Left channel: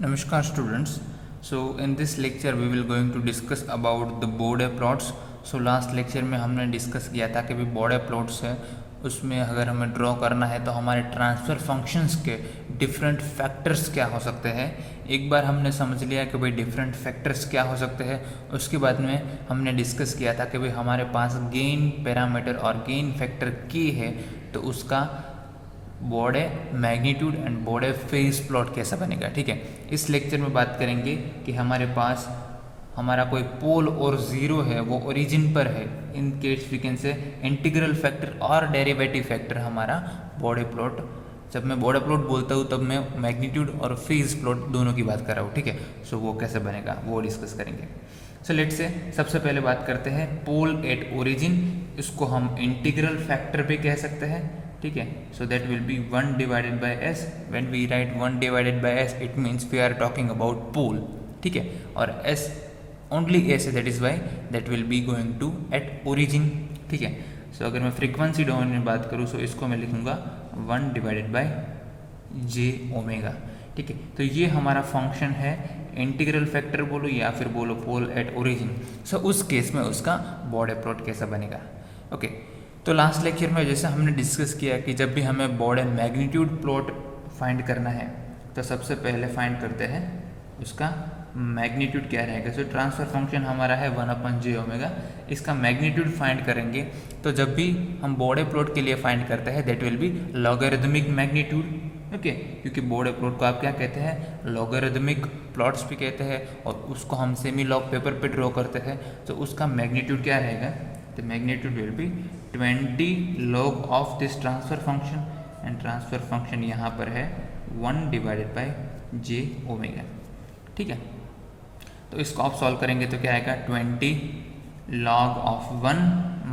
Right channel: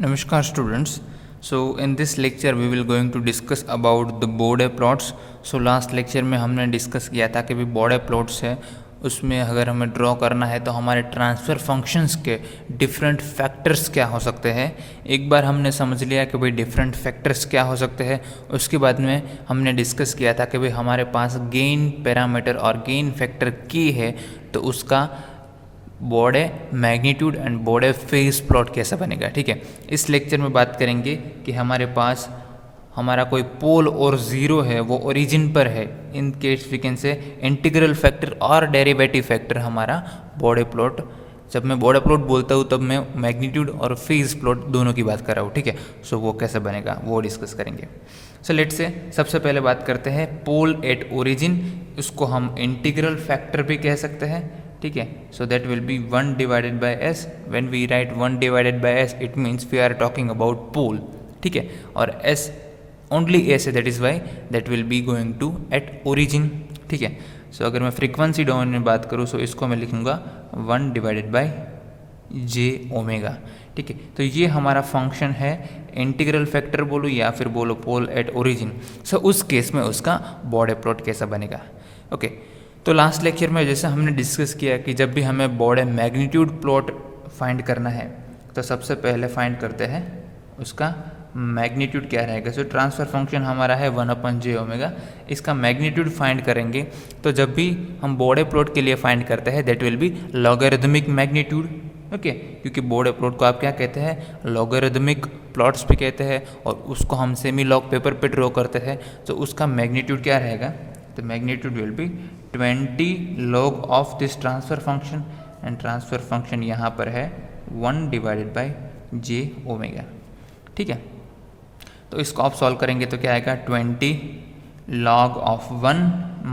Namaskar students. So in this lecture we will going to discuss about the Bode plots. So last lecture में हमने discuss किया था कि भी Bode plots है उसमें अगर हमें ड्रॉ करना है तो हमारे ट्रांसफ़र फंक्शंस के डिफरेंट फैक्टर्स क्या हो सकते हैं। एक बार हमने समझ लिया कि भाई डिफरेंट फैक्टर्स क्या हो सकते हैं, उसके बाद में हमने डिस्कस किया था कि भाई हमारे पास गेन पैरामीटर और गेन फैक्टर की है तो उसका बॉडे मैग्नीट्यूड एंड बॉडे फेज प्लॉट कैसा बनेगा। ठीक है, इस लेक्चर में बात करेंगे कि हमारे पास हमारा कोई पोल और ज़ीरो है वो ओरिजिन पर है, in case we can say integral factor और डेरिवेटिव फैक्टर हमारा बॉडे प्लॉट। जब मैं बॉडे प्लॉट बोलता हूँ तब मैं मैग्नीट्यूड और फेज प्लॉट दोनों की बात कर रहा हूँ। ठीक है, सो वो कैसे बनेगा वो डिस्कस करेंगे। सो लेट से सबसे पहले बात करते हैं पोल एट ओरिजिन, इसको हम इंटीग्रल फैक्टर भी कह सकते हैं। ठीक है, so that will be 1 divided by S. When we write 1 divided by S it means we are talking about pole. ठीक है, और एस ओनली एस है, that is why that will be going to at origin. ठीक है, सो अगर मैं frequency domain में बात करूँ सो इसको मैं लिखूँगा 1 डिवाइडेड बाय जे ओमेगा। ठीक है, तो ये हमारा फंक्शन है, इंटीग्रल फैक्टर बोलो या फिर बोलो पोल एट ओरिजिन। सो उस केस में उसका बॉडे प्लॉट कैसा बनेगा। ओके, तो लास्ट लेक्चर में जैसे हमने डिस्कस किया कि जब भी हमें बॉडे मैग्नीट्यूड प्लॉट फाइंड करना है तो सबसे पहले फाइंड करते हैं उसका मैग्नीट्यूड क्या रहेगा। सो ट्रांसफ़र फंक्शन हमारा है 1/j ओमेगा, इसका मैग्नीट्यूड फाइंड करेंगे। तो जब भी हम बॉडे प्लॉट के लिए फाइंड करते हैं that will be logarithmic magnitude. Okay, क्योंकि बॉडे प्लॉट को आप क्या कहते हैं, लॉगरिथमिक प्लॉट्स भी कहते हैं, और उसको हम सेमी लॉग पेपर पे ड्रॉ करते हैं। तो उसका मैग्नीट्यूड क्या रहेगा, the magnitude will be 20 log of this transfer function and transfer function यहाँ पर है 1 डिवाइडेड बाई जे ओमेगा। ठीक है, तो इसको आप सॉल्व करेंगे तो क्या आएगा 20 log of 1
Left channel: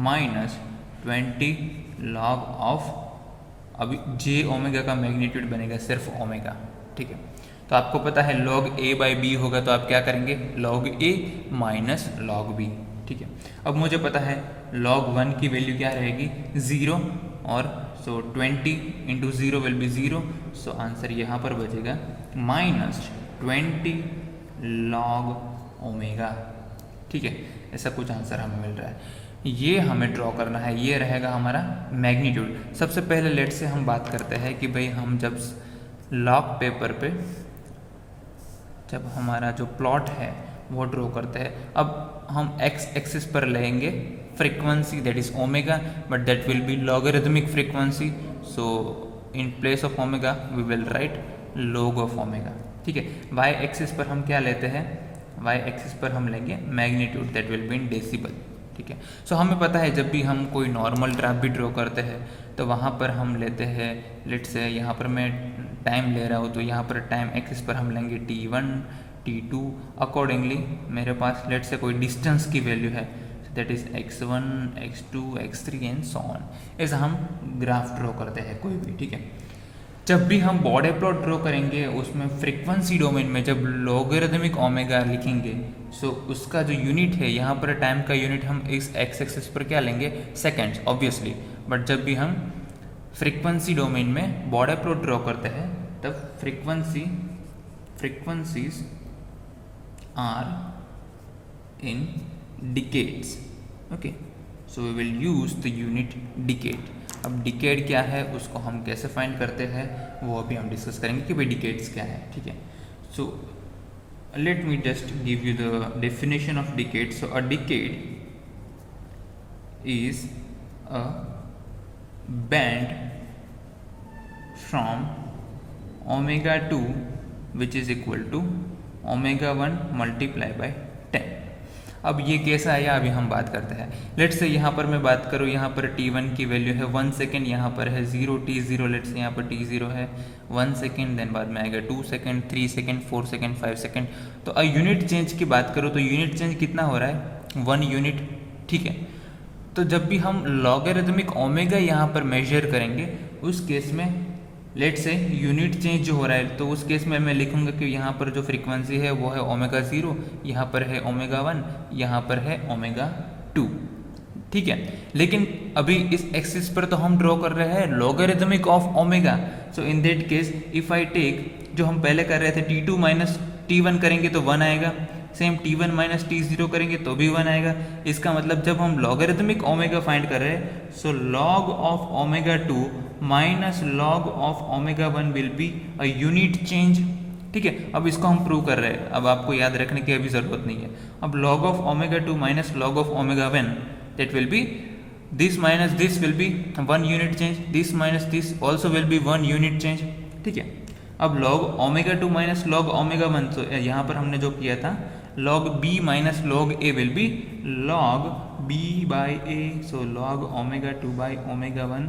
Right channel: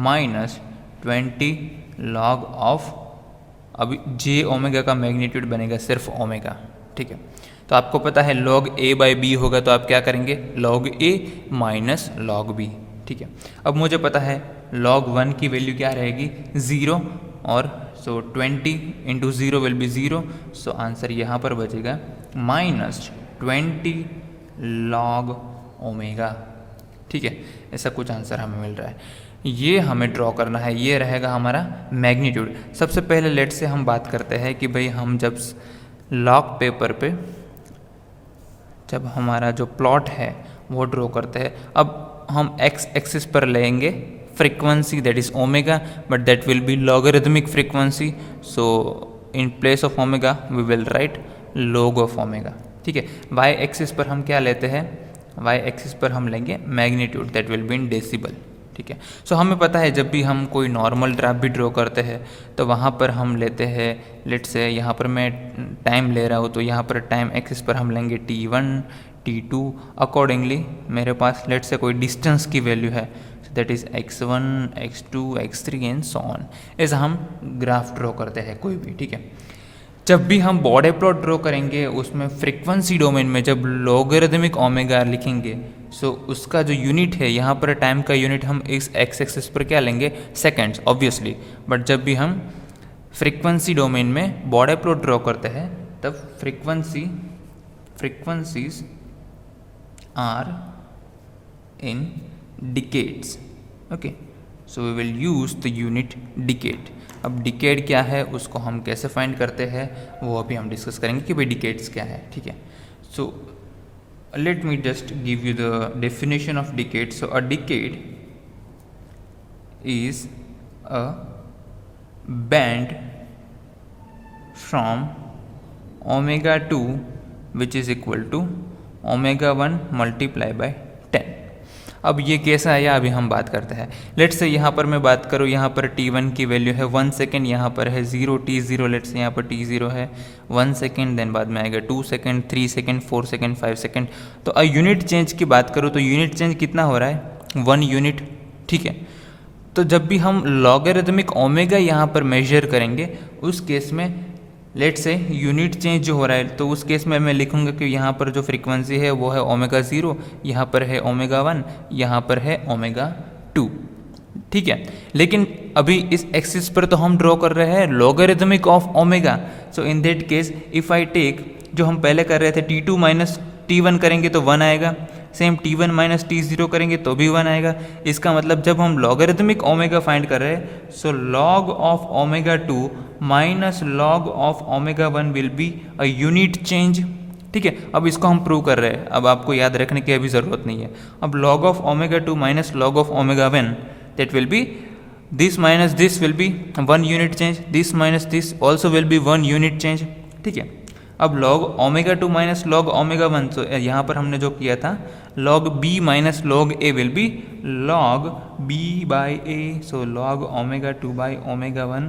minus 20 log of, अभी जे ओमेगा का मैग्नीट्यूड बनेगा सिर्फ ओमेगा। ठीक है, तो आपको पता है log a बाई बी होगा तो आप क्या करेंगे log a minus log b। ठीक है, अब मुझे पता है log 1 की वैल्यू क्या रहेगी 0, और सो 20 into 0 will be 0। So answer यहाँ पर बचेगा माइनस 20 log ओमेगा। ठीक है, ऐसा कुछ आंसर हमें मिल रहा है, ये हमें ड्रॉ करना है, ये रहेगा हमारा मैग्नीट्यूड। सबसे पहले लेट से हम बात करते हैं कि भाई हम जब लॉग पेपर पे जब हमारा जो प्लॉट है वो ड्रॉ करते हैं, अब हम एक्स एक्सिस पर लेंगे frequency that is omega, but that will be logarithmic frequency. So in place of omega we will write log of omega. ठीक है, वाई एक्सिस पर हम क्या लेते हैं, वाई एक्सिस पर हम लेंगे magnitude that will be in decibel. ठीक है, सो हमें पता है जब भी हम कोई नॉर्मल ग्राफ भी ड्रॉ करते हैं तो वहाँ पर हम लेते हैं, लेट से यहाँ पर मैं टाइम ले रहा हूँ तो यहाँ पर टाइम एक्सिस पर हम लेंगे t1 t2, अकॉर्डिंगली मेरे पास लेट से कोई डिस्टेंस की वैल्यू है that is x1 x2 x3 and so on. ऐसा हम ग्राफ ड्रॉ करते हैं कोई भी। ठीक है, जब भी हम बॉडे प्लॉट ड्रॉ करेंगे उसमें फ्रीक्वेंसी डोमेन में जब लॉगरिथमिक ओमेगा लिखेंगे सो उसका जो यूनिट है यहाँ पर टाइम का यूनिट हम इस एक्स एक्सिस पर क्या लेंगे सेकेंड्स ऑब्वियसली, बट जब भी हम फ्रीक्वेंसी डोमेन में बॉडे प्लॉट ड्रॉ करते हैं तब frequencies are in decades. Okay, so we will use the unit decade. अब डिकेड क्या है उसको हम कैसे फाइंड करते हैं वो अभी हम डिस्कस करेंगे कि भाई डिकेड्स क्या है। ठीक है, so let me just give you the definition of decade. So a decade is a band from omega 2 which is equal to omega 1 multiply by 10। अब ये कैसा आया अभी हम बात करते हैं। लेट से यहाँ पर मैं बात करूँ, यहाँ पर t1 की वैल्यू है 1 सेकेंड, यहाँ पर है 0 t0, लेट से यहाँ पर t0 है 1 सेकेंड, देन बाद में आएगा 2 सेकेंड 3 सेकेंड 4 सेकेंड 5 सेकेंड। तो यूनिट चेंज की बात करूँ तो यूनिट चेंज कितना हो रहा है 1 यूनिट। ठीक है, तो जब भी हम लॉगरिथमिक ओमेगा यहाँ पर मेजर करेंगे उस केस में लेट से यूनिट चेंज जो हो रहा है तो उस केस में मैं लिखूंगा कि यहाँ पर जो फ्रीक्वेंसी है वो है ओमेगा 0, यहाँ पर है ओमेगा 1, यहाँ पर है ओमेगा 2। ठीक है। लेकिन अभी इस एक्सिस पर तो हम ड्रॉ कर रहे हैं logarithmic of omega, so in that case if I take, जो हम पहले कर रहे थे T2 माइनस T1 करेंगे तो 1 आएगा, सेम T1 माइनस T0 करेंगे तो भी 1 आएगा। इसका मतलब जब हम लॉगरिथमिक ओमेगा फाइंड कर रहे हैं, so log of omega 2 minus log of omega 1 will be a unit change, ठीक है। अब इसको हम प्रूव कर रहे हैं, अब आपको याद रखने की अभी ज़रूरत नहीं है। अब log of omega 2 minus log of omega 1, that will B this minus this will be 1 unit change, this minus this also will be 1 unit change, ठीक है। अब log omega 2 minus log omega 1, तो यहाँ पर हमने जो किया था log b minus log a will be log b by a, so log omega 2 by omega 1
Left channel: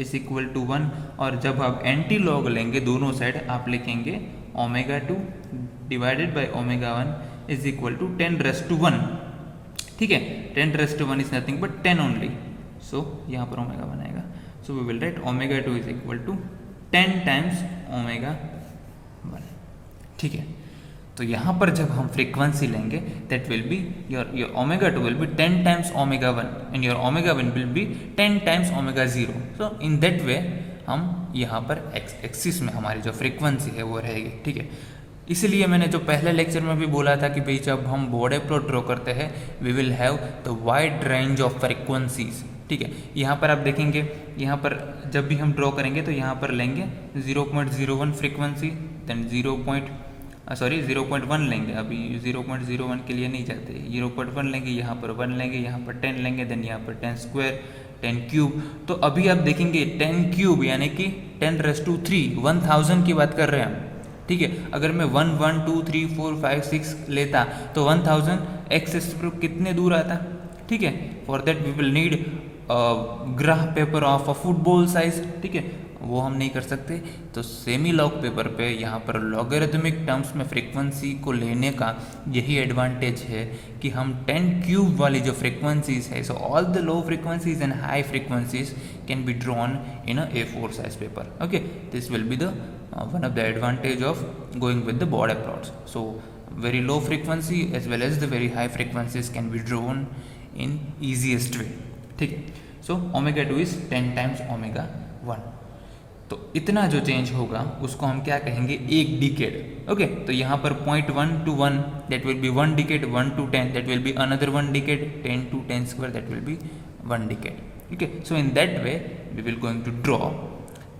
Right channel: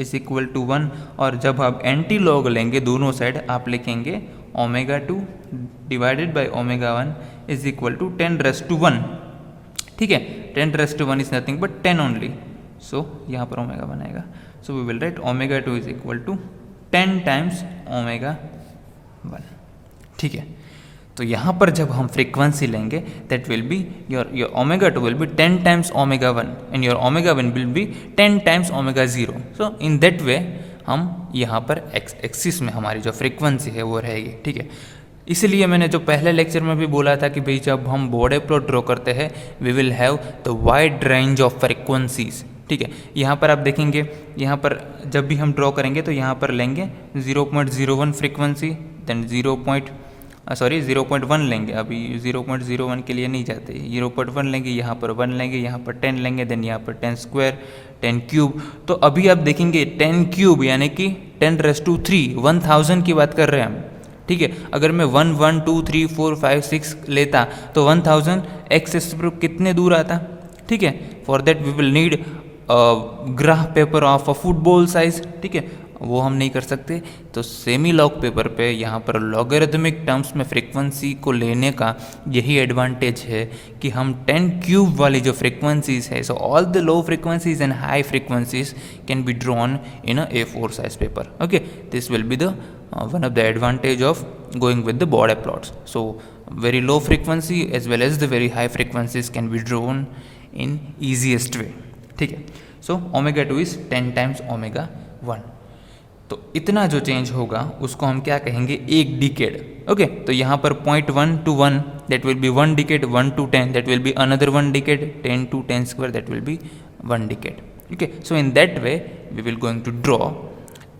is equal to 1। और जब आप एंटी लॉग लेंगे दोनों साइड, आप लिखेंगे omega 2 divided by omega 1 is equal to 10⁻⁴, ठीक है। 10⁻⁴ is nothing but 10 only, so यहाँ पर ओमेगा 1 आएगा, so we will write omega 2 is equal to 10 times omega 1, ठीक है। तो यहाँ पर जब हम फ्रीक्वेंसी लेंगे, that will be your omega 2 will B 10 times omega 1 and your omega 1 will B 10 times omega 0। So in that way हम यहाँ पर एक्सिस में हमारी जो फ्रीक्वेंसी है वो रहेगी, ठीक है। इसलिए मैंने जो पहले लेक्चर में भी बोला था कि भाई जब हम बॉर्डर प्लॉट ड्रॉ करते हैं, we will have the wide range of frequencies, ठीक है। यहाँ पर आप देखेंगे, यहाँ पर जब भी हम ड्रॉ करेंगे तो यहाँ पर लेंगे 0.01 फ्रीक्वेंसी, देन 0.1 लेंगे, अभी 0.01 के लिए नहीं जाते, 0.1 लेंगे, यहाँ पर 1 लेंगे, यहाँ पर 10 लेंगे, देन यहाँ पर 10 स्क्वायर, 10 क्यूब। तो अभी आप देखेंगे 10 क्यूब यानी कि 10⁻³ 1000 की बात कर रहे हैं हम, ठीक है। अगर मैं 1 1 2 3 4 5 6 लेता तो 1000 एक्सिस पर कितने दूर आता, ठीक है। For that we will need graph paper of a football size, ठीक है, वो हम नहीं कर सकते। तो सेमी लॉग पेपर पे यहाँ पर लॉगरिथमिक टर्म्स में फ्रीक्वेंसी को लेने का यही एडवांटेज है कि हम 10 क्यूब वाली जो फ्रीक्वेंसीज है, so all the low frequencies and high frequencies can be drawn in a A4 size paper, okay. This will be the one of the advantage of going with the border plots. So very low frequency as well as the very high frequencies can be drawn in easiest way, ठीक है। So omega 2 is 10 times omega 1। तो इतना जो change होगा उसको हम क्या कहेंगे, एक डिकेड, ओके। तो यहाँ पर 0.1 to 1 that will be 1 decade, 1 to 10 that will be another 1 decade, 10 to 10 square that will be 1 decade, okay। So in that way we will going to draw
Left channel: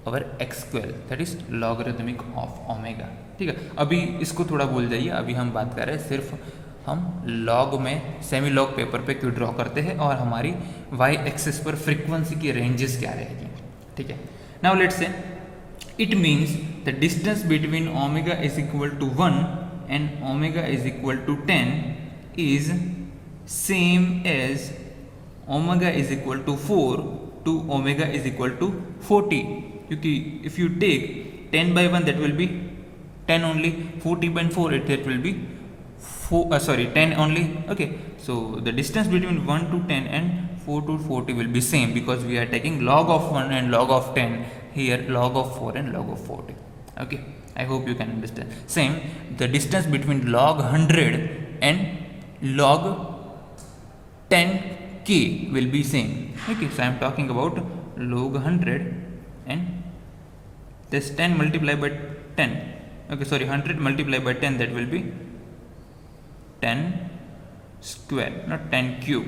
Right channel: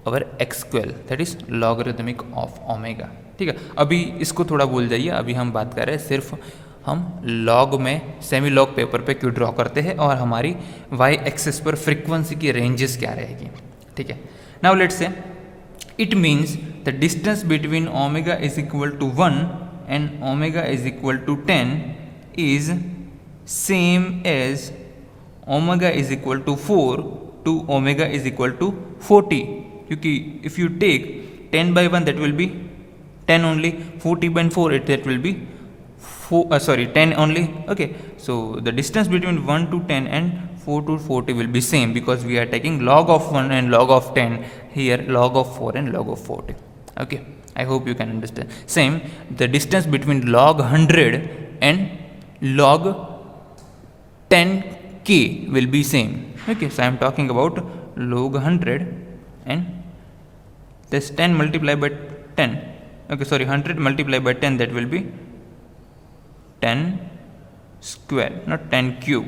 our x12 that is logarithmic of omega, ठीक है। अभी इसको थोड़ा भूल जाइए, अभी हम बात कर रहे हैं सिर्फ हम लॉग में सेमी लॉग पेपर पे क्यों ड्रॉ करते हैं और हमारी y एक्सिस पर फ्रीक्वेंसी की रेंजेस क्या रहेगी, ठीक है। Now let's say it means the distance between omega is equal to 1 and omega is equal to 10 is same as omega is equal to 4 to omega is equal to 40, क्योंकि if you take 10 by 1 that will be 10 only, 40 by 4 that will be 10 only, okay। So the distance between 1 to 10 and 4 to 40 will be same because we are taking log of 1 and log of 10, here log of 4 and log of 40, okay। I hope you can understand. Same, the distance between log 100 and log 10k will be same, okay। So I am talking about log 100 and this 10 multiplied by 10, okay, sorry, 100 multiplied by 10 that will be 10 square, not 10 cube,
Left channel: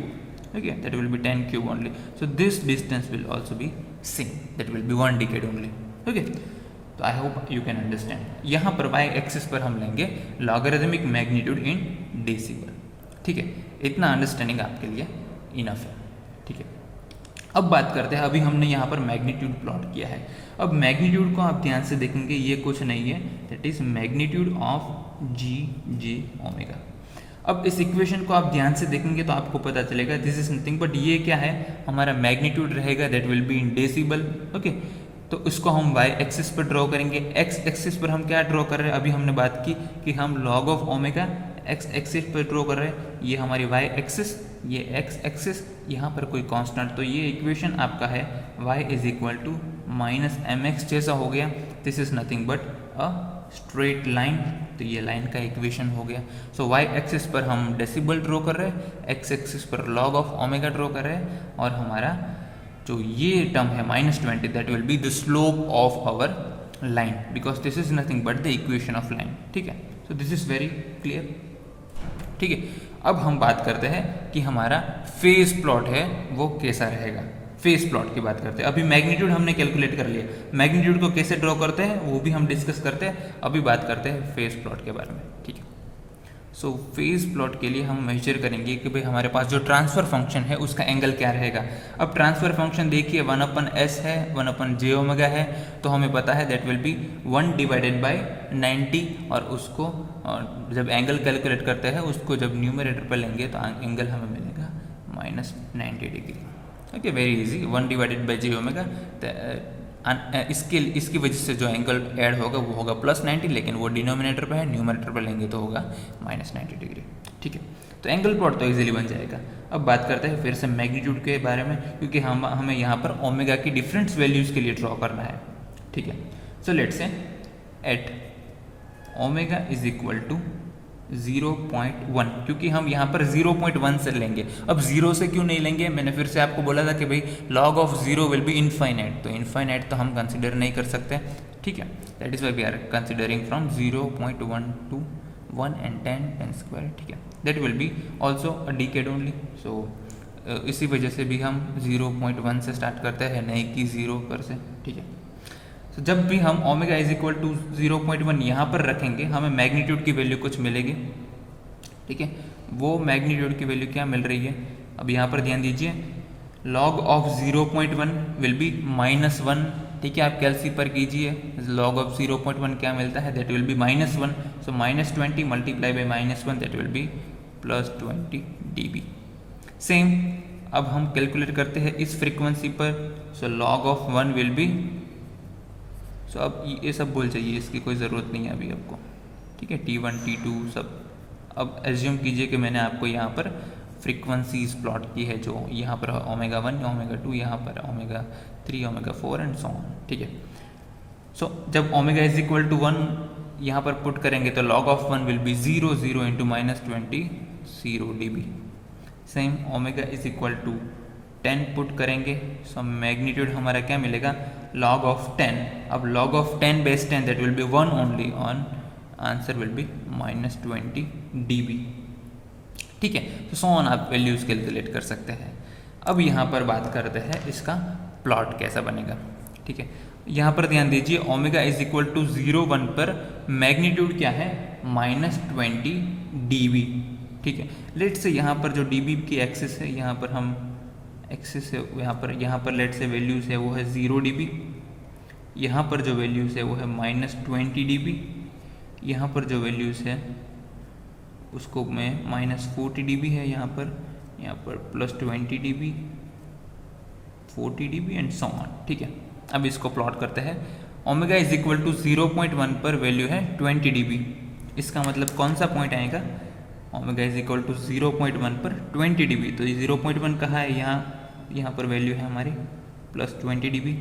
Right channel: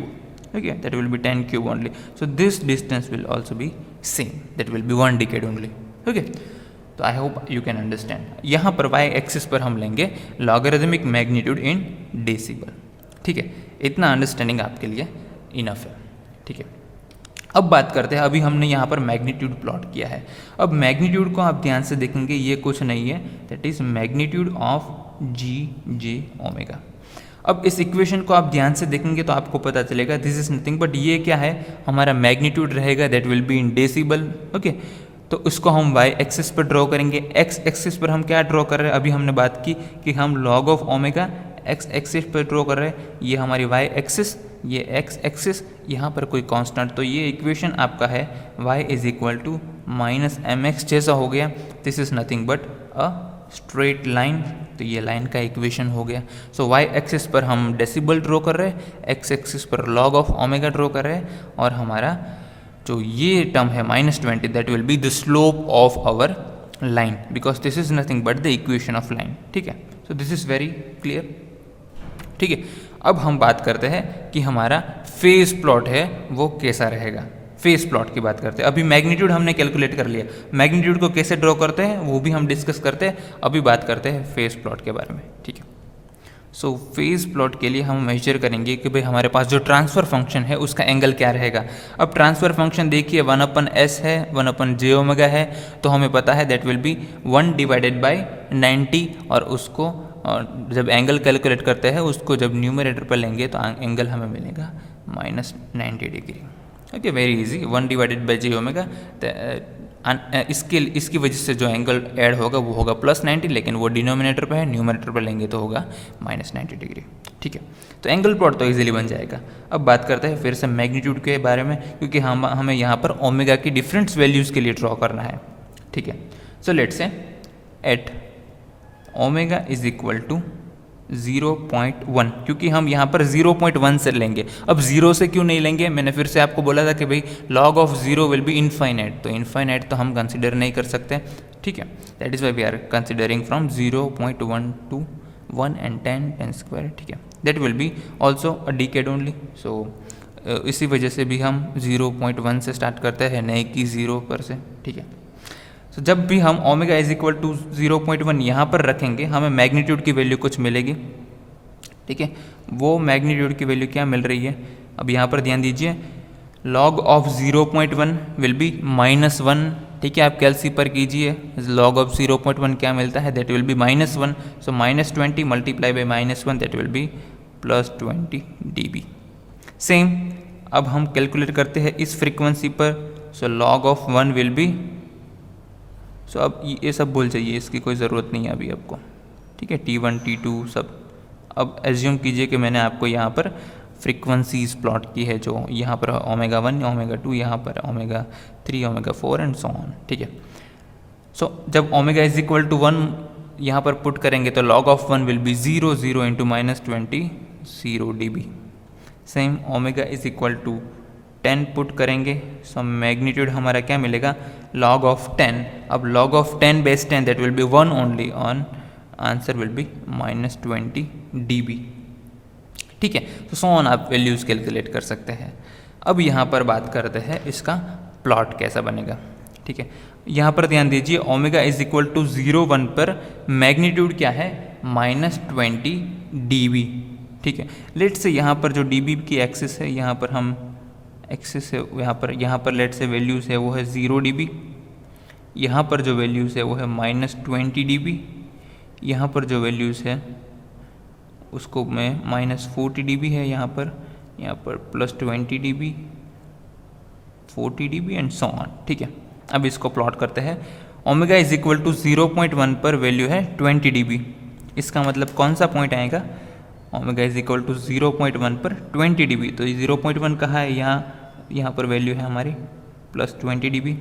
okay, that will be 10 cube only। So this distance will also be same, that will be 1 decade only, okay। तो आई hope you can understand. यहाँ पर y axis पर हम लेंगे logarithmic magnitude इन decibel, ठीक है। इतना understanding आपके लिए इनफ है, ठीक है। अब बात करते हैं, अभी हमने यहाँ पर मैग्नीट्यूड प्लॉट किया है। अब मैग्नीट्यूड को आप ध्यान से देखेंगे, ये कुछ नहीं है, that is magnitude of G omega. अब इस इक्वेशन को आप ध्यान से देखेंगे तो आपको पता चलेगा दिस इज नथिंग बट ये क्या है, हमारा मैग्नीट्यूड रहेगा, that will be in decibel, okay. तो इसको हम y एक्सिस पर ड्रॉ करेंगे। x एक्सिस पर हम क्या ड्रॉ कर रहे हैं, अभी हमने बात की कि हम log of omega x axis पर ड्रॉ कर रहे हैं, ये हमारी y एक्सिस, ये x एक्सिस, यहाँ पर कोई कांस्टेंट। तो ये इक्वेशन आपका है y is equal to minus mx जैसा हो गया। This is nothing but a straight line, तो ये लाइन का इक्वेशन हो गया। सो वाई एक्सिस पर हम डेसिबल ड्रॉ कर रहे हैं, एक्स एक्सिस पर लॉग ऑफ ओमेगा ड्रॉ कर रहे हैं, और हमारा जो ये टर्म है -20 that will be the slope of our line, because this is nothing but the equation of line. ठीक है, so this is very clear. ठीक है, अब हम बात करते हैं कि हमारा फेज प्लॉट है वो कैसा रहेगा। फेज प्लॉट की बात करते हैं। अभी मैग्नीट्यूड हमने कैलकुलेट कर लिया, मैग्नीट्यूड को कैसे ड्रॉ करते हैं वो भी हम डिस्कस करते हैं। अभी बात करते हैं फेज प्लॉट के बारे में। ठीक है, सो फेज प्लॉट के लिए हम मेजर करेंगे कि भाई हमारे पास जो ट्रांसफर फंक्शन है उसका एंगल क्या रहेगा। अब ट्रांसफर फंक्शन देखिए 1/s है, 1/j ओमेगा है, तो हमें पता है दैट विल बी 1/90, और उसको जब एंगल कैलकुलेट करते हैं उसको जब न्यूमरेटर पर लेंगे तो एंगल हमें मिलेगा -90 degree. Okay, very easy, 1/j omega. इसकी वजह से जो एंगल ऐड होगा वो होगा +90, लेकिन वो डिनोमिनेटर पे है, न्यूमरेटर पर लेंगे तो होगा -90 डिग्री। ठीक है, तो एंगल प्लॉट तो इजीली बन जाएगा। अब बात करते हैं फिर से मैग्नीट्यूड के बारे में, क्योंकि हमें यहाँ पर ओमेगा की डिफरेंट वैल्यूज़ के लिए ड्रॉ करना है। ठीक है, so let's say at omega is equal to 0.1, क्योंकि हम यहाँ पर 0.1 से लेंगे। अब 0 से क्यों नहीं लेंगे, मैंने फिर से आपको बोला था कि भाई log of 0 will be infinite, तो इनफाइनाइट तो हम कंसिडर नहीं कर सकते। ठीक है, that is why we are considering from 0.1 to 1 and 10 square। ठीक है, that will be also a decade only. So इसी वजह से भी हम 0.1 से स्टार्ट करते हैं, नहीं कि 0 पर से। ठीक है, तो जब भी हम ओमेगा इज इक्वल टू 0.1 यहाँ पर रखेंगे हमें मैग्नीट्यूड की वैल्यू कुछ मिलेगी। ठीक है, वो मैग्नीट्यूड की वैल्यू क्या मिल रही है, अब यहाँ पर ध्यान दीजिए, log ऑफ 0.1 विल बी -1। ठीक है, आप कैलसी पर कीजिए, log ऑफ 0.1 क्या मिलता है, that will be -1। So -20 multiply by -1 that will B +20 dB। Same अब हम कैलकुलेट करते हैं इस फ्रीक्वेंसी पर, सो log ऑफ 1 विल बी, सो अब ये सब भूल जाइए, इसकी कोई ज़रूरत नहीं है अभी आपको। ठीक है, T1 T2 सब। अब एज्यूम कीजिए कि मैंने आपको यहाँ पर फ्रीक्वेंसीज प्लॉट की है, जो यहाँ पर ओमेगा 1, ओमेगा 2, यहाँ पर omega 3, omega 4 and so on. ठीक है, सो जब ओमेगा इज इक्वल टू 1 यहाँ पर पुट करेंगे तो log of 1 will be 0 into -20 0 dB। Same omega is equal to 10 put करेंगे, सो मैग्नीट्यूड हमारा क्या मिलेगा, log ऑफ 10। अब log of 10 base 10 that will be 1 only, on answer will be -20 dB। ठीक है, तो सो ऑन आप वैल्यूज़ कैलकुलेट कर सकते हैं। अब यहाँ पर बात करते हैं इसका प्लॉट कैसा बनेगा। ठीक है, यहाँ पर ध्यान दीजिए, ओमेगा इज इक्वल टू 0.1 पर मैग्नीट्यूड क्या है, -20 dB। ठीक है, लेट से यहाँ पर जो dB की एक्सिस है, यहाँ पर हम एक्सिस है, यहाँ पर लेट से वैल्यूज़ है वो है 0 dB, यहाँ पर जो वैल्यूज़ है वो है -20 dB, यहाँ पर जो वैल्यूज़ है उसको में -40 dB है, यहाँ पर +20 dB, 40 dB and so on. ठीक है, अब इसको प्लॉट करते हैं। ओमेगा इज इक्वल टू 0.1 पर वैल्यू है 20 dB, इसका मतलब कौन सा पॉइंट आएगा, ओमेगा इज इक्वल टू 0.1 पर 20 dB, तो ये 0.1 कहाँ है, यहाँ पर वैल्यू है हमारी +20 dB।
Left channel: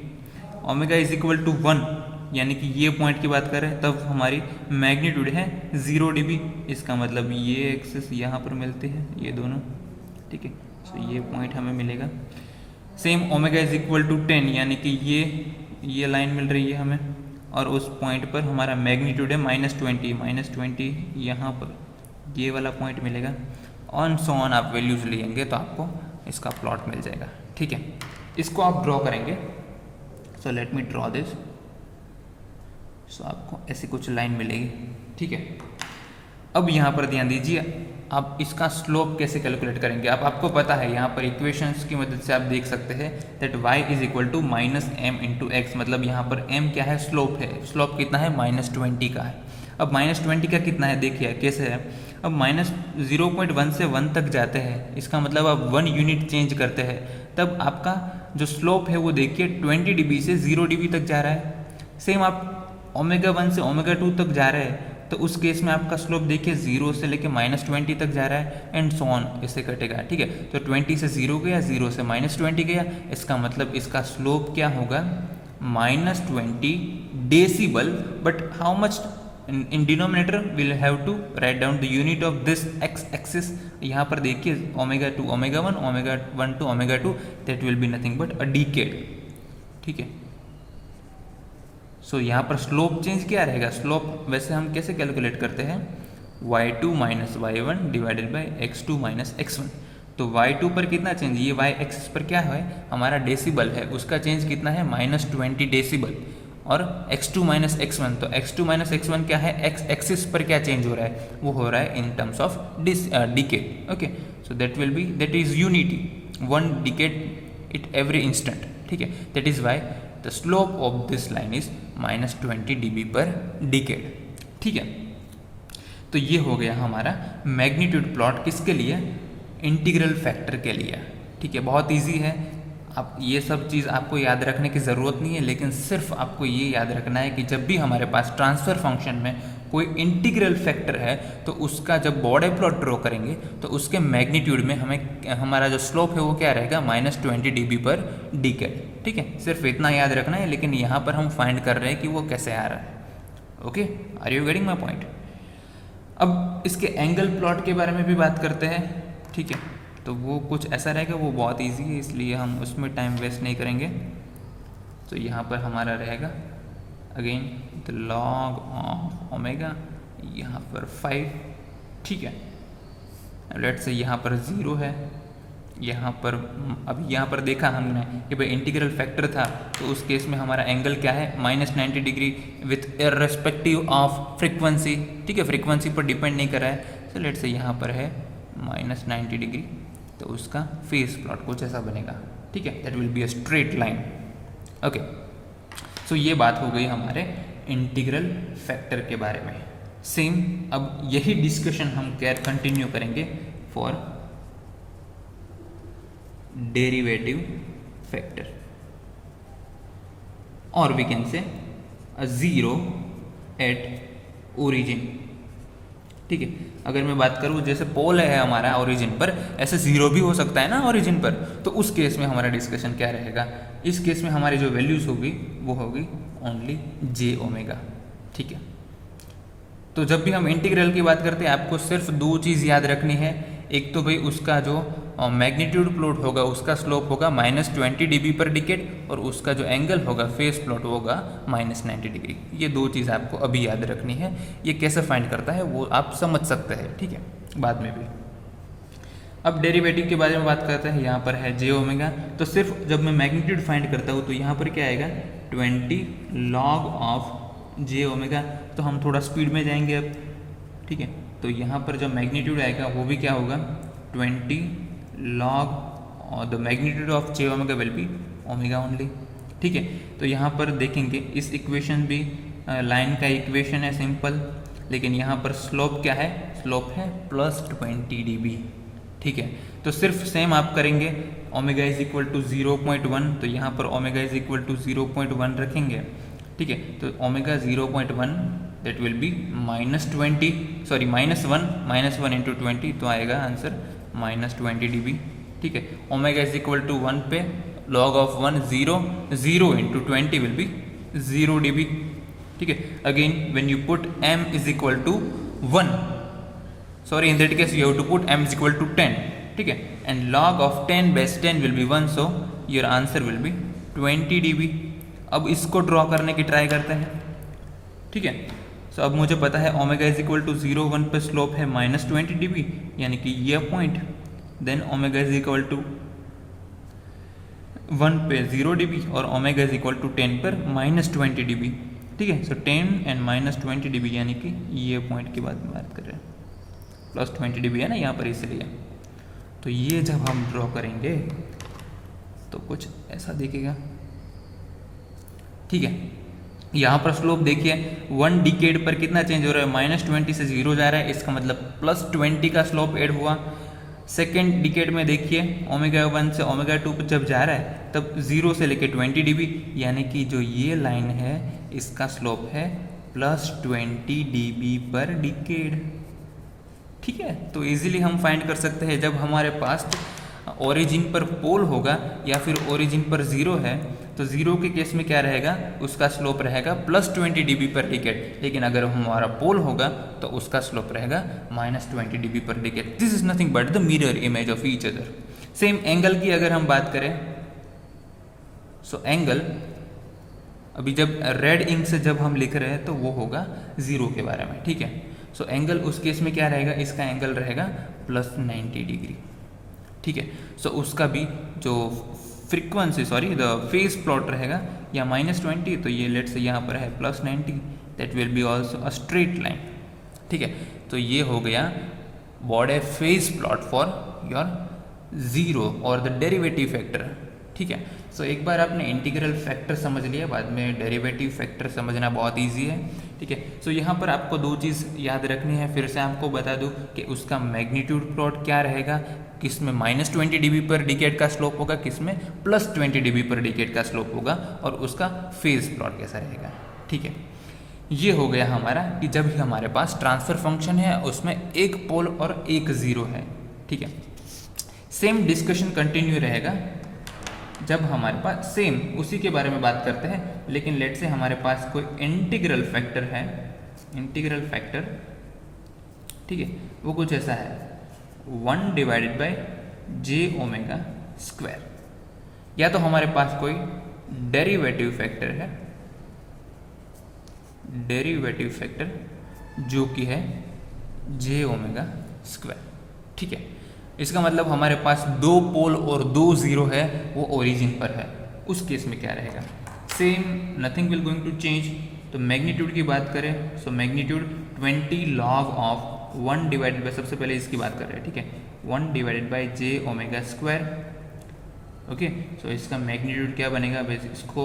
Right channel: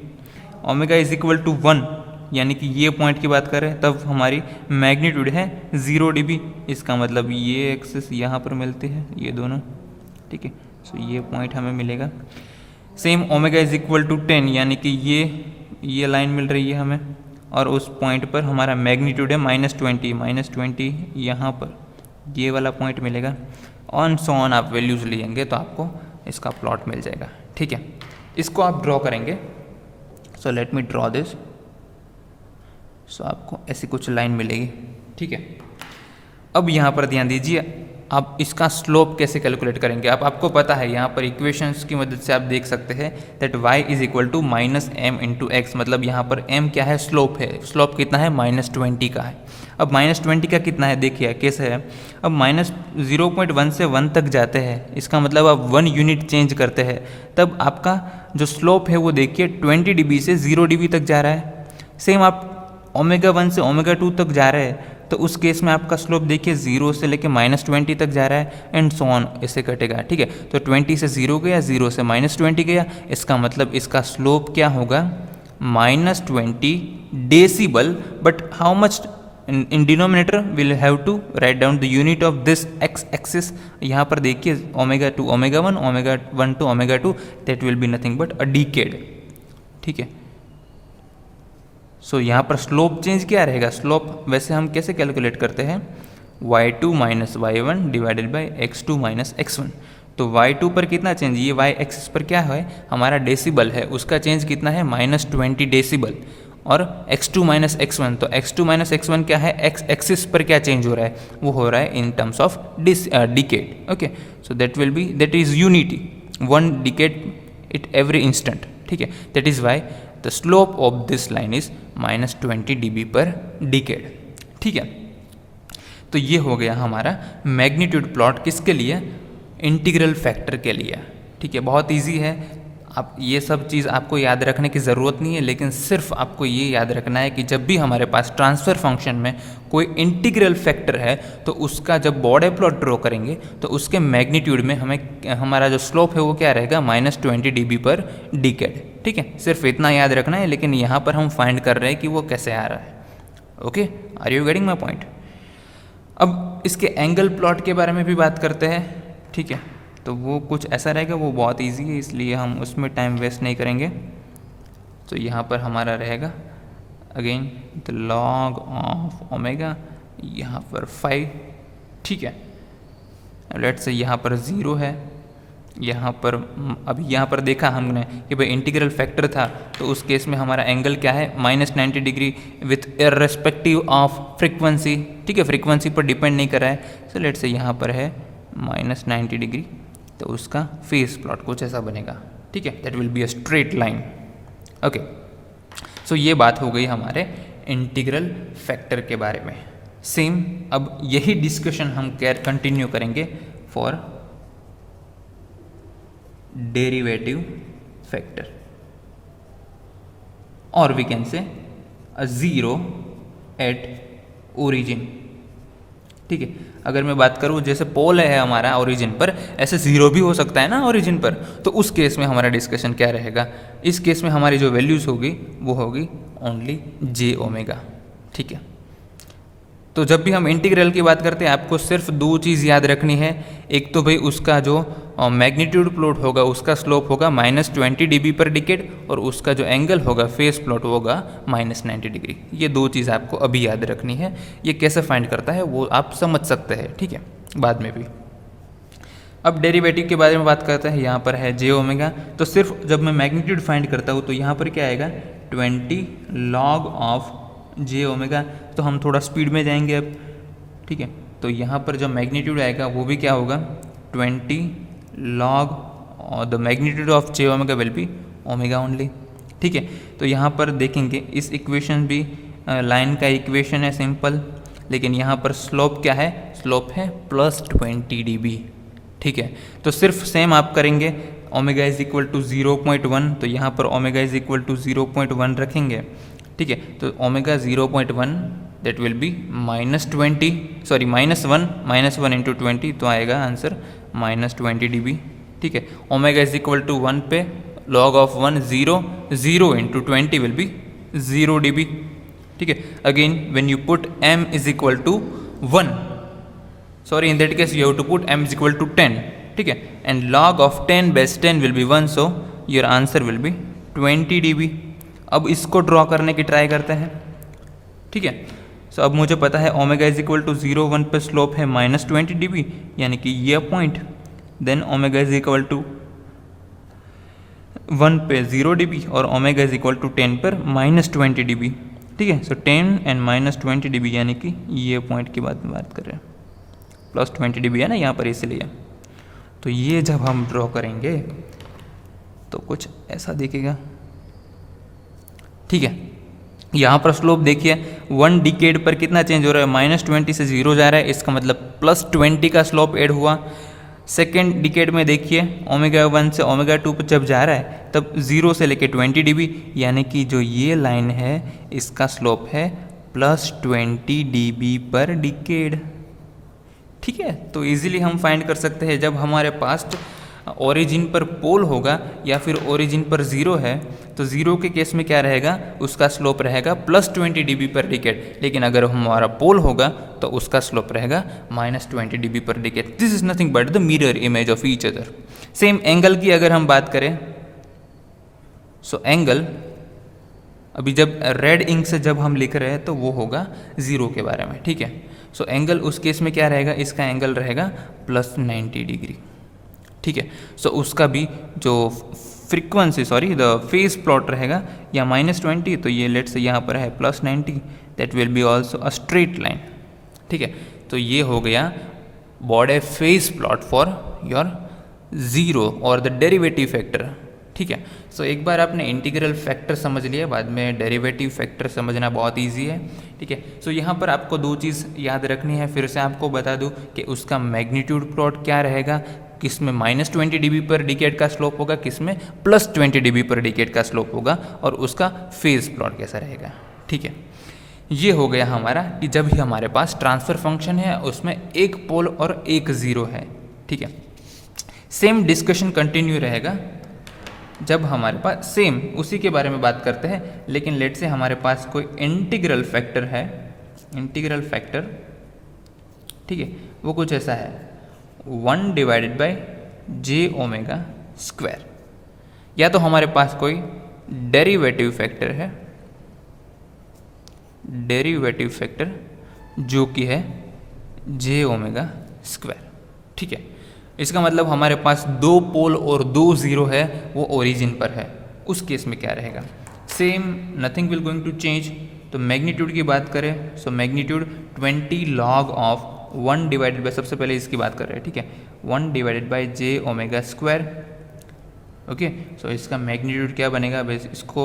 Omega is equal to 1 यानी कि ये पॉइंट की बात करें तब हमारी मैग्नीट्यूड है 0 dB, इसका मतलब ये एक्सिस यहाँ पर मिलते हैं ये दोनों। ठीक है, तो ये पॉइंट हमें मिलेगा। Same omega is equal to 10 यानी कि ये लाइन मिल रही है हमें, और उस पॉइंट पर हमारा मैग्नीट्यूड है -20 यहाँ पर ये वाला पॉइंट मिलेगा। ऑन सो ऑन आप वैल्यूज़ लेंगे तो आपको इसका प्लॉट मिल जाएगा। ठीक है, इसको आप ड्रॉ करेंगे, so let me draw this. So आपको ऐसी कुछ लाइन मिलेगी। ठीक है, अब यहाँ पर ध्यान दीजिए, आप इसका स्लोप कैसे कैलकुलेट करेंगे। आपको पता है यहाँ पर इक्वेशंस की मदद से आप देख सकते हैं that y is equal to -m into X, मतलब यहाँ पर m क्या है, स्लोप है। स्लोप कितना है, -20 का है। अब -20 का कितना है देखिए कैसे है, अब -0.1 से 1 तक जाते हैं, इसका मतलब आप 1 यूनिट चेंज करते हैं तब आपका जो स्लोप है वो देखिए 20 dB से 0 dB तक जा रहा है। सेम आप ओमेगा 1 से ओमेगा 2 तक जा रहे हैं तो उस केस में आपका स्लोप देखिए 0 से लेके -20 तक जा रहा है एंड सो ऑन, ऐसे कटेगा। ठीक है, तो 20 से 0 गया, 0 से -20 गया, इसका मतलब इसका स्लोप क्या होगा, -20 decibel. But how much in denominator will have to write down the unit of this X axis. यहाँ पर देखिए omega two omega one to omega two, that will be nothing but a decade. ठीक है, सो यहाँ पर slope change क्या रहेगा? Slope वैसे हम कैसे कैलकुलेट करते हैं? y2 minus y1 divided by x2 minus x1। तो y2 पर कितना चेंज? ये y एक्सिस पर क्या है हमारा डेसिबल है, उसका चेंज कितना है? -20 डेसिबल। और x2 माइनस x1, तो x2 माइनस x1 क्या है? x एक्सिस पर क्या चेंज हो रहा है? वो हो रहा है in terms of decade. Okay, so that is unity, 1 decade it every instant. ठीक है, that is why the slope of this line is -20 dB पर डिकेड। ठीक है, तो ये हो गया हमारा मैग्नीट्यूड प्लॉट किसके लिए? इंटीग्रल फैक्टर के लिए। ठीक है, बहुत इजी है, आप ये सब चीज़ आपको याद रखने की ज़रूरत नहीं है, लेकिन सिर्फ आपको ये याद रखना है कि जब भी हमारे पास ट्रांसफ़र फंक्शन में कोई इंटीग्रल फैक्टर है तो उसका जब बॉर्डर प्लॉट ड्रॉ करेंगे तो उसके मैग्नीट्यूड में हमारा जो स्लोप है वो क्या रहेगा? -20 dB पर डिकेड। ठीक है, सिर्फ इतना याद रखना है, लेकिन यहाँ पर हम फाइंड कर रहे हैं कि वो कैसे आ रहा है। Okay, are you getting my point? अब इसके एंगल प्लॉट के बारे में भी बात करते हैं। ठीक है, तो वो कुछ ऐसा रहेगा, वो बहुत इजी है, इसलिए हम उसमें टाइम वेस्ट नहीं करेंगे। तो यहाँ पर हमारा रहेगा again the log of omega, यहाँ पर 5। ठीक है, लेट्स से यहाँ पर 0 है, यहाँ पर अभी यहाँ पर देखा हमने कि भाई इंटीग्रल फैक्टर था, तो उस केस में हमारा एंगल क्या है? -90 degree with irrespective of frequency. ठीक है, फ्रीक्वेंसी पर डिपेंड नहीं कर रहा है। सो लेट्स से यहाँ पर है -90 डिग्री, तो उसका फेस प्लॉट कुछ ऐसा बनेगा। ठीक है, that will be a straight line. Okay, so ये बात हो गई हमारे इंटीग्रल फैक्टर के बारे में। सेम अब यही डिस्कशन हम कंटिन्यू करेंगे फॉर डेरिवेटिव फैक्टर, और we can say a zero eight origin. ठीक है, अगर मैं बात करूँ जैसे पोल है हमारा ओरिजिन पर, ऐसे जीरो भी हो सकता है ना ओरिजिन पर, तो उस केस में हमारा डिस्कशन क्या रहेगा? इस केस में हमारी जो वैल्यूज़ होगी वो होगी ओनली j ओमेगा। ठीक है, तो जब भी हम इंटीग्रल की बात करते हैं आपको सिर्फ 2 चीज़ याद रखनी है। एक तो भाई उसका जो मैग्नीट्यूड प्लॉट होगा उसका स्लोप होगा -20 dB पर डिकेड, और उसका जो एंगल होगा फेस प्लॉट होगा -90 डिग्री। ये 2 चीज़ आपको अभी याद रखनी है। ये कैसे फाइंड करता है वो आप समझ सकते हैं, ठीक है, बाद में भी। अब डेरिवेटिव के बारे में बात करते हैं। यहाँ पर है j ओमेगा, तो सिर्फ जब मैं मैग्नीट्यूड फाइंड करता हूँ तो यहाँ पर क्या आएगा? 20 log ऑफ j ओमेगा। तो हम थोड़ा स्पीड में जाएंगे अब। ठीक है, तो यहाँ पर जो मैग्नीट्यूड आएगा वो भी क्या होगा? 20 log the magnitude of j omega will be omega only. ठीक है, तो यहाँ पर देखेंगे इस इक्वेशन भी लाइन का इक्वेशन है सिंपल, लेकिन यहाँ पर स्लोप क्या है? स्लोप है +20 dB। ठीक है, तो सिर्फ सेम आप करेंगे ओमेगा इज इक्वल टू 0.1, तो यहाँ पर ओमेगा इज इक्वल टू 0.1 रखेंगे। ठीक है, तो omega 0.1 that will be -1 into 20, तो आएगा आंसर -20 dB। ठीक है, ओमेगा इज इक्वल टू 1 पे log of 1 0 into 20 will be 0 dB। ठीक है, again when you put m is equal to 1, sorry in that case you have to put m is equal to 10. ठीक है, and log of 10 base 10 will be 1, so your answer will be 20 dB। अब इसको draw करने की try करते हैं। ठीक है, सो अब मुझे पता है ओमेगा इज इक्वल टू 0 1 पे स्लोप है -20 dB, यानी कि ये point, then omega is equal to 1 पे 0 dB और ओमेगा इज इक्वल टू 10 पर -20 dB। ठीक है, सो 10 एंड -20 dB यानी कि ये पॉइंट की बात कर रहे हैं, +20 dB है ना यहाँ पर, इसलिए। तो ये जब हम ड्रॉ करेंगे तो कुछ ऐसा दिखेगा। ठीक है, यहाँ पर स्लोप देखिए 1 डिकेड पर कितना चेंज हो रहा है? -20 से 0 जा रहा है, इसका मतलब +20 का स्लोप ऐड हुआ। सेकेंड डिकेड में देखिए ओमेगा 1 से ओमेगा 2 पर जब जा रहा है तब 0 से लेके 20 dB, यानी कि जो ये लाइन है इसका स्लोप है +20 dB पर डिकेड। ठीक है, तो इजीली हम फाइंड कर सकते हैं जब हमारे पास ओरिजिन पर पोल होगा या फिर ओरिजिन पर 0 है तो 0 के केस में क्या रहेगा, उसका स्लोप रहेगा +20 dB पर डिकेड, लेकिन अगर हमारा पोल होगा तो उसका स्लोप रहेगा -20 dB पर decade. This is nothing but the mirror image of each other. Same angle की अगर हम बात करें, सो एंगल अभी जब रेड इंक से जब हम लिख रहे हैं तो वो होगा 0 के बारे में, ठीक है। सो एंगल उस केस में क्या रहेगा, इसका एंगल रहेगा +90 डिग्री, ठीक है। सो उसका भी जो फ्रीक्वेंसी द फेज प्लॉट रहेगा या -20, तो ये लेट्स से यहाँ पर है +90, that will be also a straight line, ठीक है। तो ये हो गया बॉडे फेज प्लॉट फॉर योर 0 और द डेरिवेटिव फैक्टर, ठीक है। सो एक बार आपने इंटीग्रल फैक्टर समझ लिया, बाद में डेरिवेटिव फैक्टर समझना बहुत इजी है, ठीक है। सो यहाँ पर आपको 2 चीज़ याद रखनी है, फिर से आपको बता दूँ कि उसका मैग्नीट्यूड प्लॉट क्या रहेगा, किस में -20 dB पर डिकेड का स्लोप होगा, किस में +20 dB पर डिकेड का स्लोप होगा, और उसका फेज प्लॉट कैसा रहेगा, ठीक है। ये हो गया हमारा कि जब भी हमारे पास ट्रांसफर फंक्शन है उसमें एक पोल और एक ज़ीरो है, ठीक है। सेम डिस्कशन कंटिन्यू रहेगा जब हमारे पास सेम उसी के बारे में बात करते हैं, लेकिन लेट से हमारे पास कोई इंटीग्रल फैक्टर है, इंटीग्रल फैक्टर, ठीक है, वो कुछ ऐसा है 1/j⍵², या तो हमारे पास कोई डेरिवेटिव फैक्टर है, डेरिवेटिव फैक्टर जो कि है j⍵², ठीक है। इसका मतलब हमारे पास 2 पोल और 2 ज़ीरो है, वो ओरिजिन पर है, उस केस में क्या रहेगा, same nothing will going to change. तो मैग्नीट्यूड की बात करें, सो मैग्नीट्यूड 20 log ऑफ 1 सबसे पहले इसकी बात कर रहे हैं, ठीक है, 1/j⍵², ओके। सो इसका मैग्नीट्यूड क्या बनेगा, बस इसको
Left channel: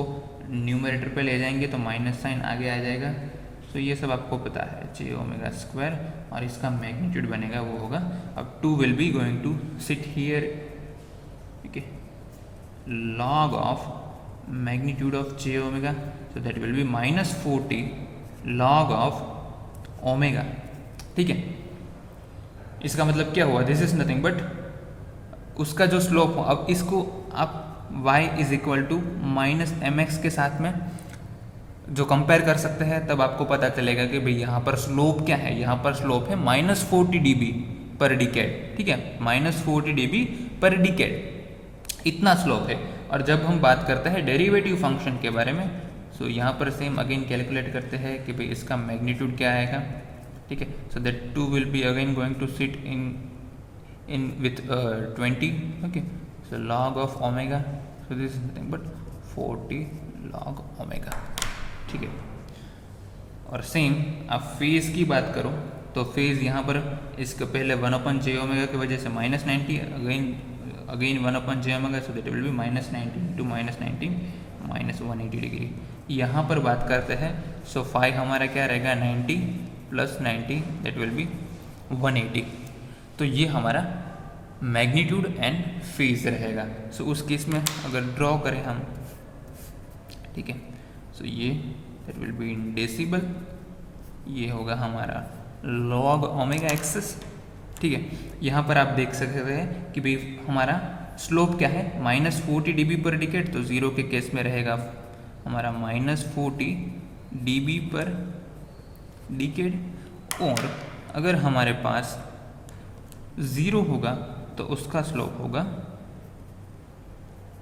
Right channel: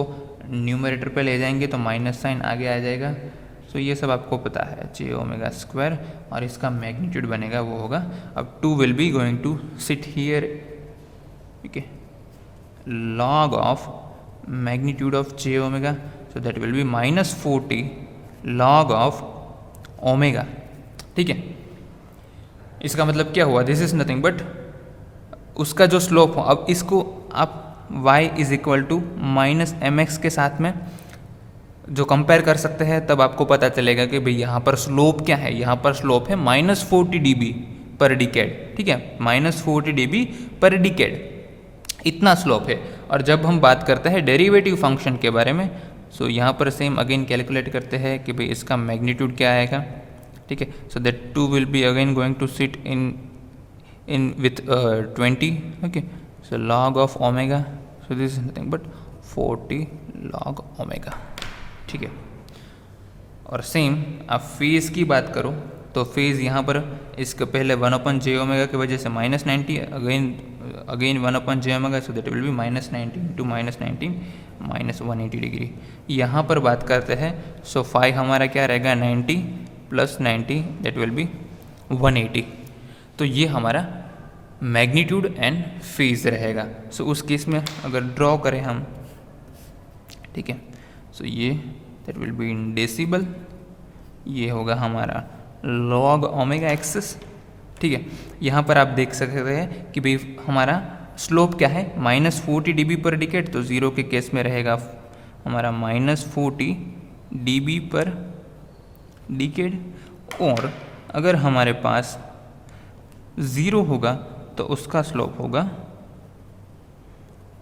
न्यूमरेटर पे ले जाएंगे तो माइनस साइन आगे आ जाएगा। सो ये सब आपको पता है j⍵², और इसका मैग्नीट्यूड बनेगा वो होगा, अब 2 will be going to sit here, ठीक है, log of magnitude of j⍵, so that will be -40 log of omega, ठीक है। इसका मतलब क्या हुआ, दिस इज नथिंग बट उसका जो स्लोप हो, अब इसको आप y = -mx के साथ में जो कंपेयर कर सकते हैं, तब आपको पता चलेगा कि भाई यहाँ पर स्लोप क्या है, यहाँ पर स्लोप है -40 dB पर डिकेड, ठीक है, -40 dB पर डिकेड, इतना स्लोप है। और जब हम बात करते हैं डेरिवेटिव फंक्शन के बारे में, सो यहाँ पर सेम अगेन कैलकुलेट करते हैं कि भाई इसका मैग्नीट्यूड क्या आएगा, ठीक है। So that 2 will be again going to sit in with 20, okay. So log of omega, so this is nothing but 40 log omega, ठीक है। और सेम आप फेज की बात करो तो फेज यहाँ पर इसके पहले 1/j⍵ की वजह से -90, again 1/j⍵, so that will B -90 × -180 degree. यहाँ पर बात करते हैं, सो फाई हमारा क्या रहेगा, 90 + 90 दैट विल बी 180। तो ये हमारा मैग्नीट्यूड एंड फेज रहेगा। सो उस केस में अगर ड्रॉ करें हम, ठीक है, सो ये that will be in decibel, ये होगा हमारा log ओमेगा एक्सिस, ठीक है। यहाँ पर आप देख सकते हैं कि भाई हमारा स्लोप क्या है, -40 dB पर डिकेड, तो 0 के केस में रहेगा हमारा -40 dB पर डिकेड, और अगर हमारे पास 0 होगा तो उसका स्लोप होगा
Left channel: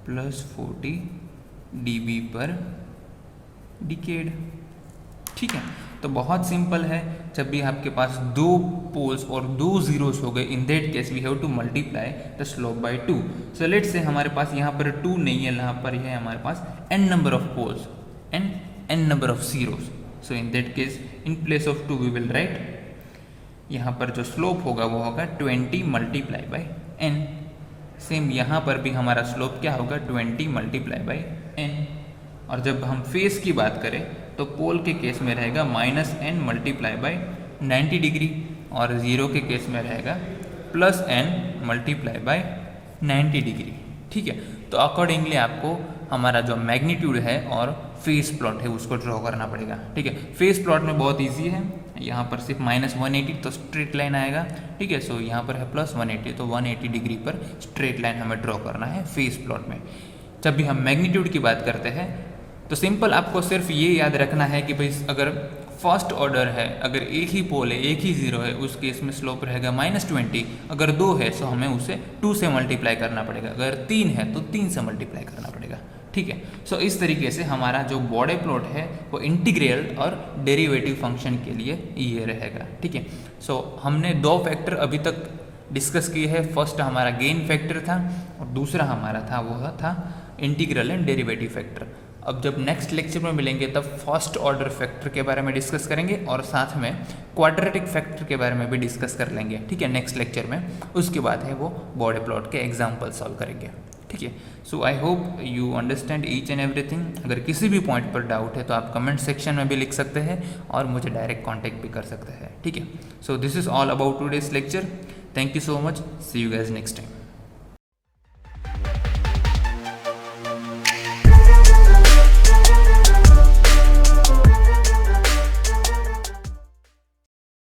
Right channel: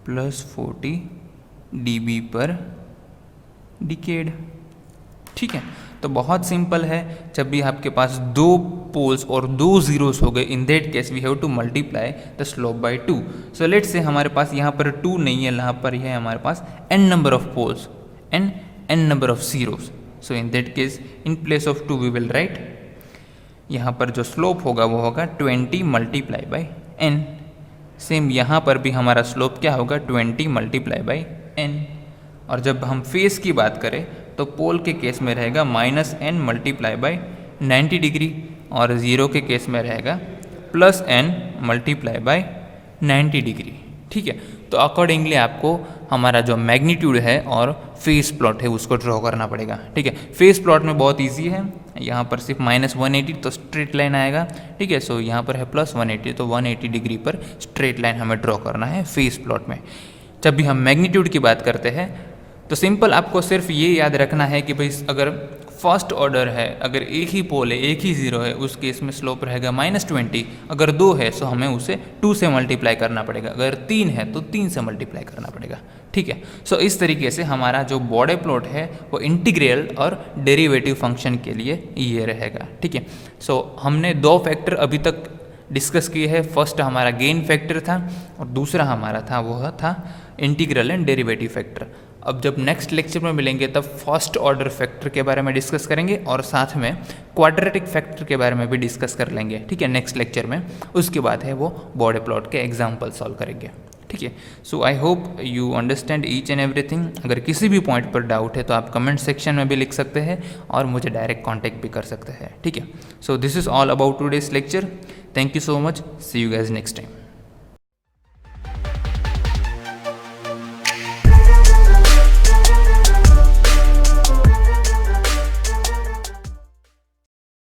+40 dB पर डिकेड, ठीक है। तो बहुत सिंपल है, जब भी आपके पास 2 पोल्स और 2 ज़ीरोस हो गए, in that case we have to multiply the slope by 2। So let's say हमारे पास यहाँ पर 2 नहीं है, यहाँ पर है हमारे पास n number of poles and n number of zeros. So in that case in place of 2 we will write, यहाँ पर जो स्लोप होगा वो होगा 20 × n। सेम यहाँ पर भी हमारा स्लोप क्या होगा, 20 × n। और जब हम फेस की बात करें तो पोल के केस में रहेगा -n × 90 डिग्री, और 0 के केस में रहेगा +n × 90 डिग्री, ठीक है। तो अकॉर्डिंगली आपको हमारा जो मैग्नीट्यूड है और फेस प्लॉट है उसको ड्रॉ करना पड़ेगा, ठीक है। फेस प्लॉट में बहुत इजी है, यहाँ पर सिर्फ -180 तो स्ट्रेट लाइन आएगा, ठीक है। सो यहाँ पर है +180, तो 180 डिग्री पर स्ट्रेट लाइन हमें ड्रॉ करना है फेस प्लॉट में। जब भी हम मैग्नीट्यूड की बात करते हैं तो सिंपल आपको सिर्फ ये याद रखना है कि भाई अगर फर्स्ट ऑर्डर है, अगर एक ही पोल है, एक ही ज़ीरो है, उस केस में स्लोप रहेगा -20। अगर 2 है तो हमें उसे 2 से मल्टीप्लाई करना पड़ेगा, अगर 3 है तो 3 से मल्टीप्लाई करना पड़ेगा। ठीक है, सो इस तरीके से हमारा जो बॉडे प्लॉट है वो इंटीग्रल और डेरिवेटिव फंक्शन के लिए ये रहेगा। ठीक है, सो हमने 2 फैक्टर अभी तक डिस्कस किए हैं। फर्स्ट हमारा गेन फैक्टर था और दूसरा हमारा था वो था इंटीग्रल एंड डेरिवेटिव फैक्टर। अब जब नेक्स्ट लेक्चर में मिलेंगे तब फर्स्ट ऑर्डर फैक्टर के बारे में डिस्कस करेंगे और साथ में क्वाड्रेटिक फैक्टर के बारे में भी डिस्कस कर लेंगे। ठीक है, नेक्स्ट लेक्चर में। उसके बाद है वो बॉडे प्लॉट के एग्जाम्पल सॉल्व करेंगे। ठीक है, so I hope you understand each and everything. अगर किसी भी पॉइंट पर डाउट है तो आप कमेंट सेक्शन में भी लिख सकते हैं और मुझे डायरेक्ट कॉन्टैक्ट भी कर सकते हैं। ठीक है, so this is all about today's lecture. Thank you so much, see you guys next time.